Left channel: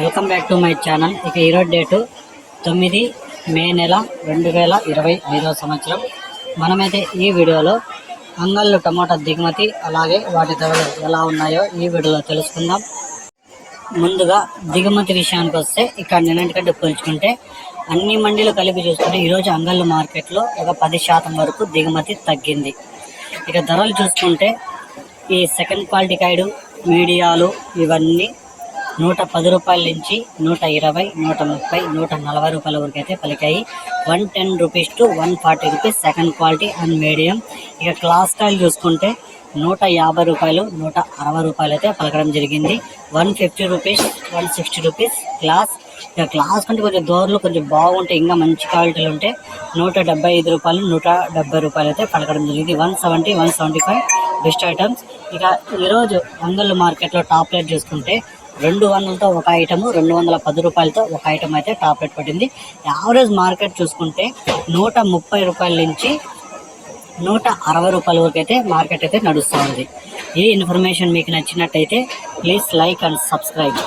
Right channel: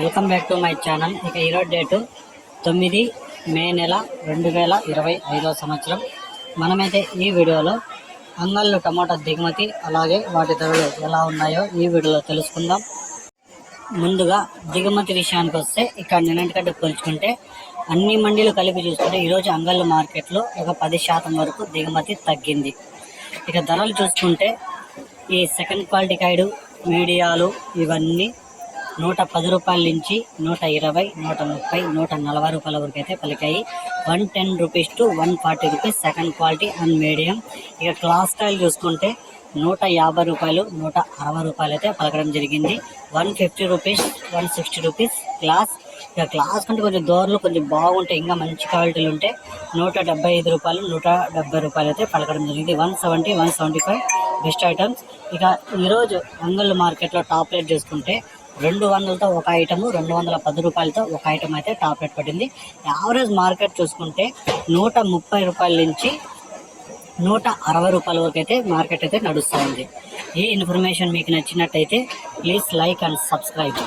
Welcome back to my channel. ఇక ఈరోజు date తొమ్మిది మే నెల రెండు వేల ఇరవై ఐదవ సంవత్సరం. మనమైతే ఈ వీడియోలో అంగళ్ళు టమాటా దిగుమతి అలాగే వాటి ధరలు ఎలా ఉన్నాయో ఈ వీడియోలో తెలుసుకుందాం. ముందుగా దిగుమతి విషయానికి వస్తే ఇక్కడ నిన్నటికంటే పోల్చుకుంటే అన్ని మండీలు కలిపి చూసుకుంటే ఈరోజు అంగళ్ళు మార్కెట్లో ఒక పది శాతం వరకు దిగుమతి తగ్గింది. ఇక ధరలు చూసుకుంటే ఈ సెకండ్ క్వాలిటీ కాయడు మీడియాలు ఇవన్నీ నూట పది రూపాయల నుంచి నూట ఇరవై నూట ముప్పై నూట నలభై రూపాయల వరకు అయితే పలికాయి. One ten rupees to one forty rupees second quality and medium. ఇక క్లాస్ స్టైల్ చూసుకుంటే నూట యాభై రూపాయలు నూట అరవై రూపాయలు అయితే పలకడం జరిగింది. One fifty rupees one sixty rupees class ఇక క్లాస్ కంటే కొంచెం దోర్లు కొంచెం బాగుంటాయి ఇంకా మంచి క్వాలిటీలు ఉంటే నూట డెబ్బై ఐదు రూపాయలు నూట డెబ్బై రూపాయలు అయితే పలకడం జరిగింది. One seventy one seventy five best items. ఇక ఈరోజు అంగళ్ళు మార్కెట్లో టాప్ రేట్ చూసుకుంటే రెండు వందలతో ఒక ఐటమ్ రెండు వందల పది రూపాయలతో ఒక ఐటమ్ అయితే టాప్ రేట్ పడింది. యావరేజ్ మార్కెట్ చూసుకుంటే నూట ముప్పై రూపాయల నుంచి నూట అరవై రూపాయల వరకు అయితే మార్కెట్ అయితే నడుస్తూ ఉంది ఈ ఇన్ఫర్మేషన్ మీకు నచ్చినట్టయితే ప్లీజ్ లైక్ అండ్ సబ్స్క్రైబ్.